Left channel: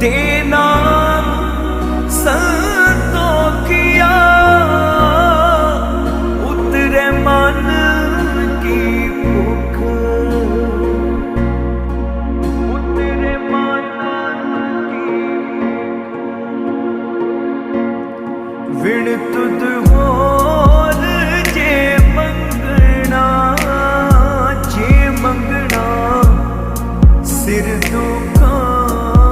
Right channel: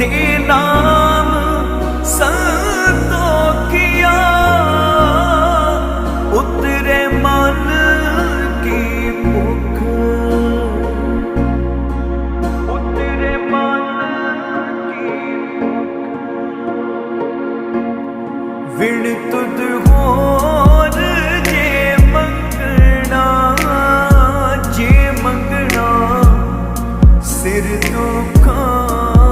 ਕੇ ਦੁਖ ਤੇਨਾ